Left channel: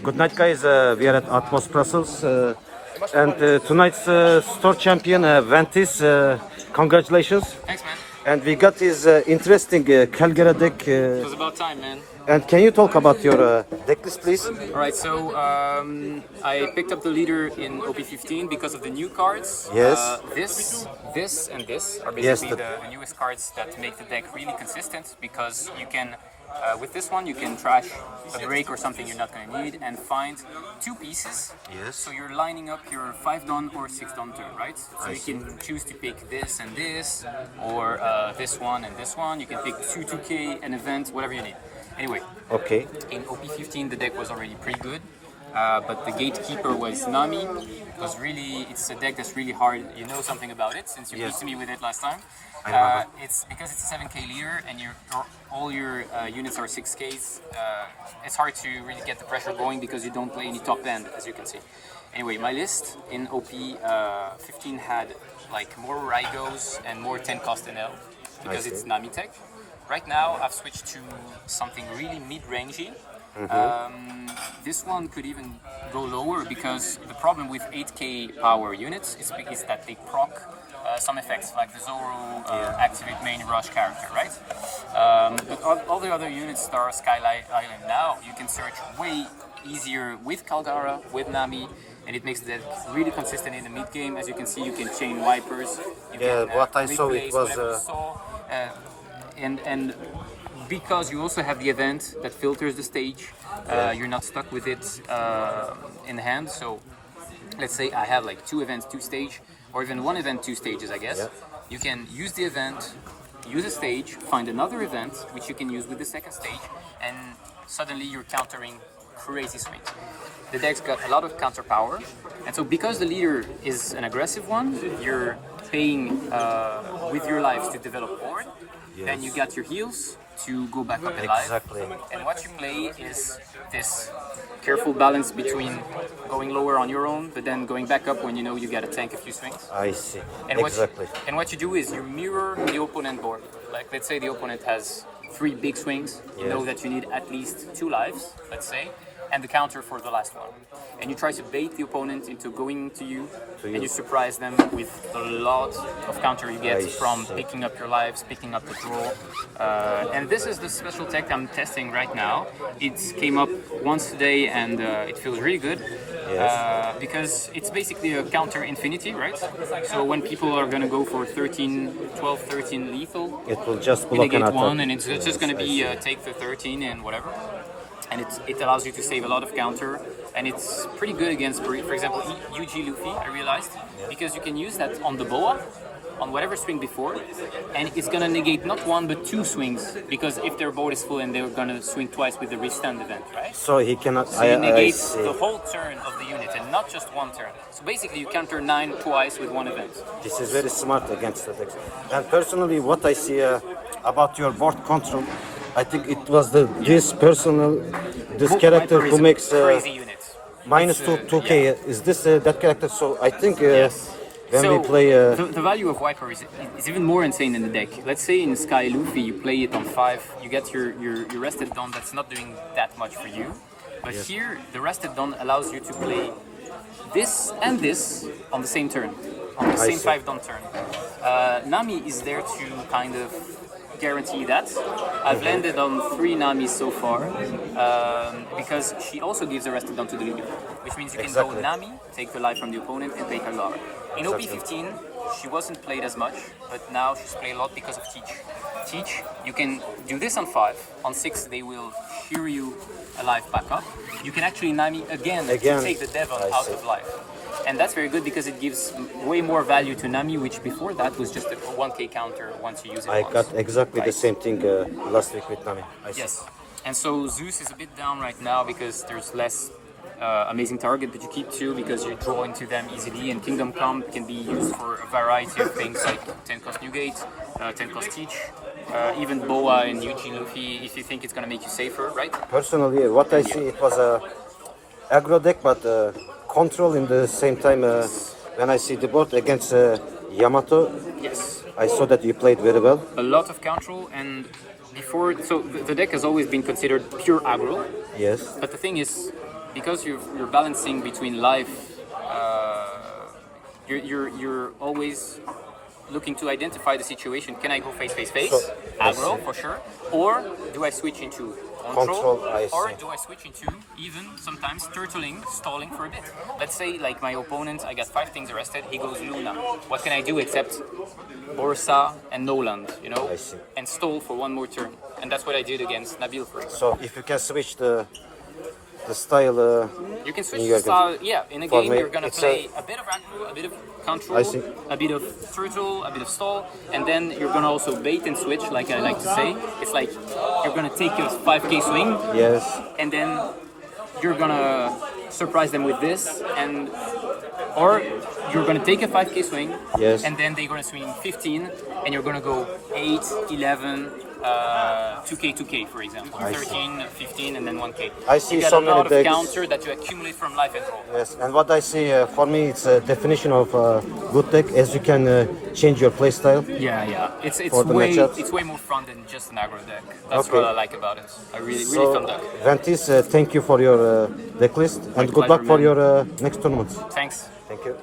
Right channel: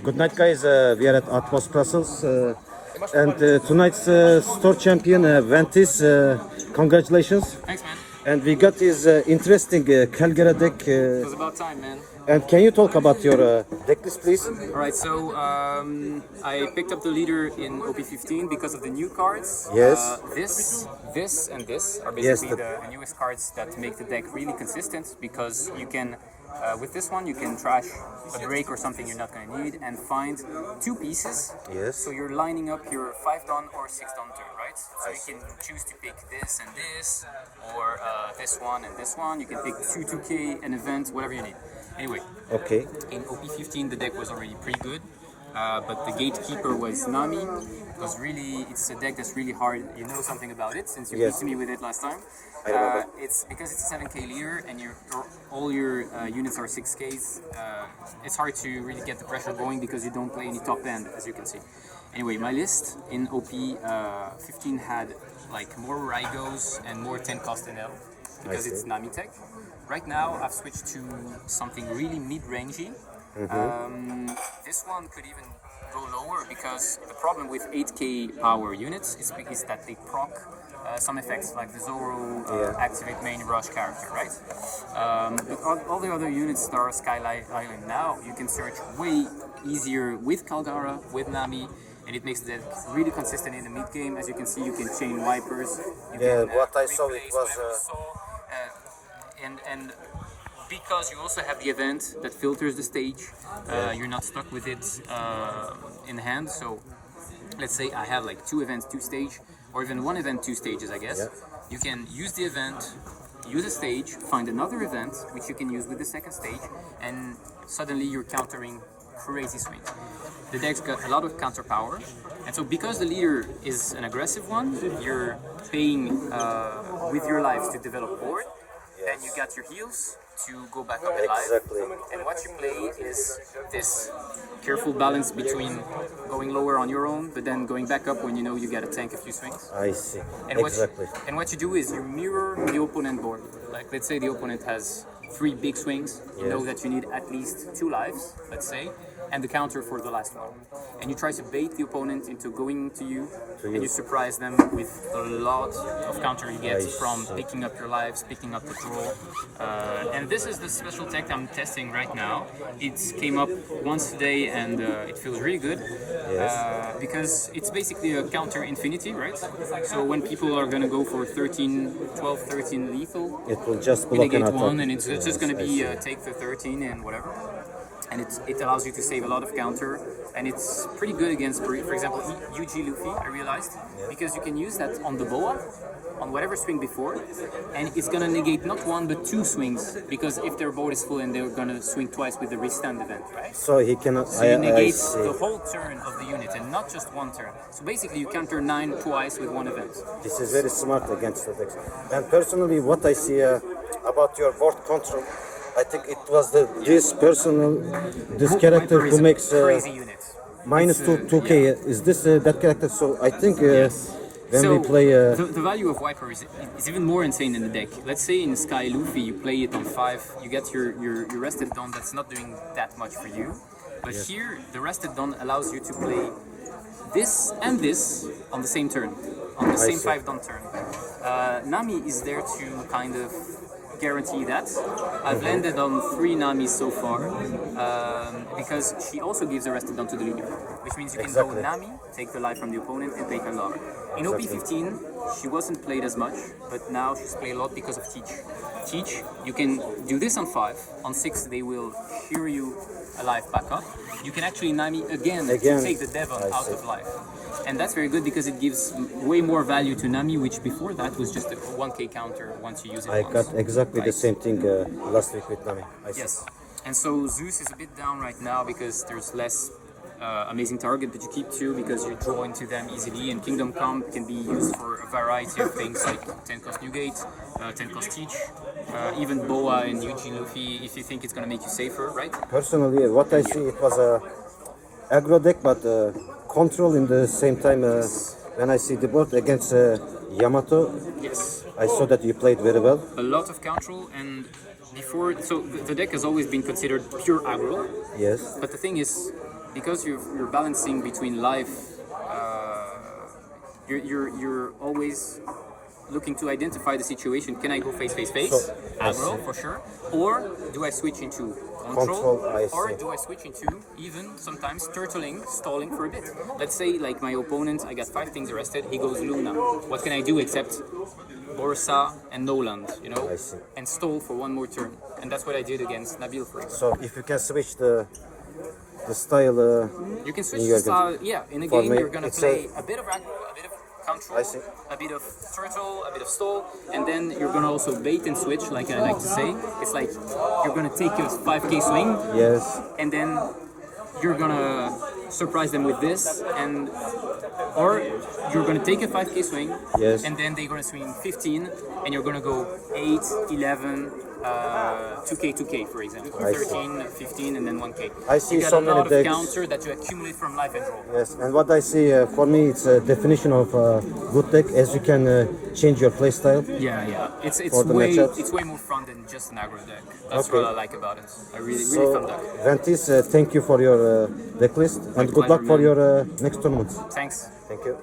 Good night, guys. We are at Atmos Brussels, and tonight's store champion Ventis. Congratulations! Thanks, man. And we got this interesting Kalgara deck. It was about time, man. And can you talk about your deck list, please? All right, so I picked up the leader in OP16 because of the new cards. Yes. This, and this are basically the newest cards that make the deck really consistent, because you can, with this one, you can trash a break or something you're not going to need and find two pieces. Yes. So you're lining up your 5-don or 6-don turn, right? So you can choose to pick this and this, or this one and this one. You can pick 2K, an event, whatever you need. Anyway, okay. In OP15 the deck was already pretty good, but the gatekeeper was Nami. Because really, it's a deck that's really hard. You know something about it since you beat me with it last time. It's because it's a 7K leader and all your units are 6Ks. It's hard to really get the pressure going because you don't play any top end, as you can see. Anyway, my list in OP15 had like more Raigos and more 10 cost NL because it's Nami tech. Right now, I've switched to something really mid-rangey. This one could even go lower because the problem with 8K power units is that they proc some effects like the Zoro activate main rush character, right? But all the other units that are Skylight Island now, you can search way easier with Kalgara, with Nami, and it makes the deck really consistent in the mid game. As you can see, you can chain Wipers. You can, what I saw it was. And because you also have the event that filters the stage, you're not stuck with it in hand. So let's say I have like 2 events, 2 stage, or even 1 event, 2 stages, I guess. You can use the event, use a stage, find another event, which you can use with the second stage, and suddenly you're countering crazy swings. The deck's got a lot of counter power, and so because the leader is an aggressive one, you're paying with your lives to develop board. Then you get your heals to go back up in life. Exactly. And what you play is this careful balance between going lower on your own, but then going back up when you know you got to tank a few swings. I see. And exactly. What you do is you mirror the opponent board. Like let's say the opponent has 3 big swings. You know that you need at least 2 lives, let's say, and the counter for the last one. And you try to bait the opponent into going to you, and you surprise them with a lot of counter you get from picking up your lives, picking up the draw. And this is the special tech I'm testing right now. It came up once today and it feels really good because it's basically a counter infinity, right? So when people are going to go for 12, 13 lethal, it will just block negate 1 and it's just going to be take the 13 and whatever. And it allows you to save a lot of counter, and it's pretty good against, for example, UG Luffy, I realized, because you can use that on the boa, on whatever swing before, and it's gonna negate not 1 but 2 swings, because if their board is full and they're gonna swing twice with the restand event, right? So he cannot. So it negates the whole turn of the unit and not just 1 turn. So basically you counter 9 twice with 1 event. This is very smart against the decks. And personally, what I see about your board control, I think it was this character who makes crazy units. minus 2K. Is this that character? So I think when So we play, the value of Viper is even more insane in the deck. Let's say in Sky Luffy you play it on 5, you get your rested Dawn that's not doing that much for you. But here the rested Dawn allows you to play this and this on the same turn, on the same 5 Dawn turn. Nami is there to kind of guarantee that. I've landed on 3 Namis so far because she also gives the rested Dawn to the leader, which means you can go Nami, take the life from the opponent, and play Kalgara. In OP15, she wasn't played as much, but now she's played a lot because of Teach. Teach, you can do this on 5. On 6, they will shear you alive back up. You can actually Nami again to take the Devon out of life. And that's very good because it gives way more value to Nami, which before that was just a 1K counter once you use it I once. got exactly the same thing last week with Nami. Yes. And so Zeus is a bit down right now because there's less amazing target that you keep 2 because you draw into them easily, and Kingdom Come can be used for a variety of things like 10 cost Newgate, 10 cost Teach, even Boa and UG Luffy if you think it's going to make you safer, right? Personally, what I see, it was a aggro deck, but control in the same time. When I see the board against Yamato, I saw that you played very well. A lot of control, and before, so the deck has always been considered pure aggro. Yes. But the thing is, because you're balancing between life, you're always looking to identify the situation. Can I go face, So, I aggro see. for sure, or do I switch into Control, I or see. do I switch into even sometimes turtling, stalling for a bit? Let's say like my opponent, I got 5 things arrested. He goes Luna. What can I do except Borsa and Noland, you know, I see. and stall for one more turn? And that's what I did against Nabil, for example. So if you can switch the style, You can switch in the your style. Yeah, in a For game me, you're gonna it's play a bit of aggro, a bit of control, I see. a bit of turtle, a bit of stall, and then you're gonna also bait and switch, like I like to say. It's like you're gonna take a 5k swing, yes, and then you're gonna surprise them with this, and or you're gonna take a 5k swing, Yes. and then they're gonna swing 15, and you're gonna go 8, 11, 2k, 2k, for example, 13, 15, and then 1k. I see you got so a many lot of decks. counter that you accumulate from life and draw. yes. And what I see for me, it's a definition of good deck, as you can change your playstyle. Yeah, yeah. It's For the way matchups. it's way more fun than just an aggro deck. That's Okay. what I like about it. I really fun So, deck. Ventis, thank you for your deck list, and good pleasure, luck for man. your next tournaments. Thanks. Thank you.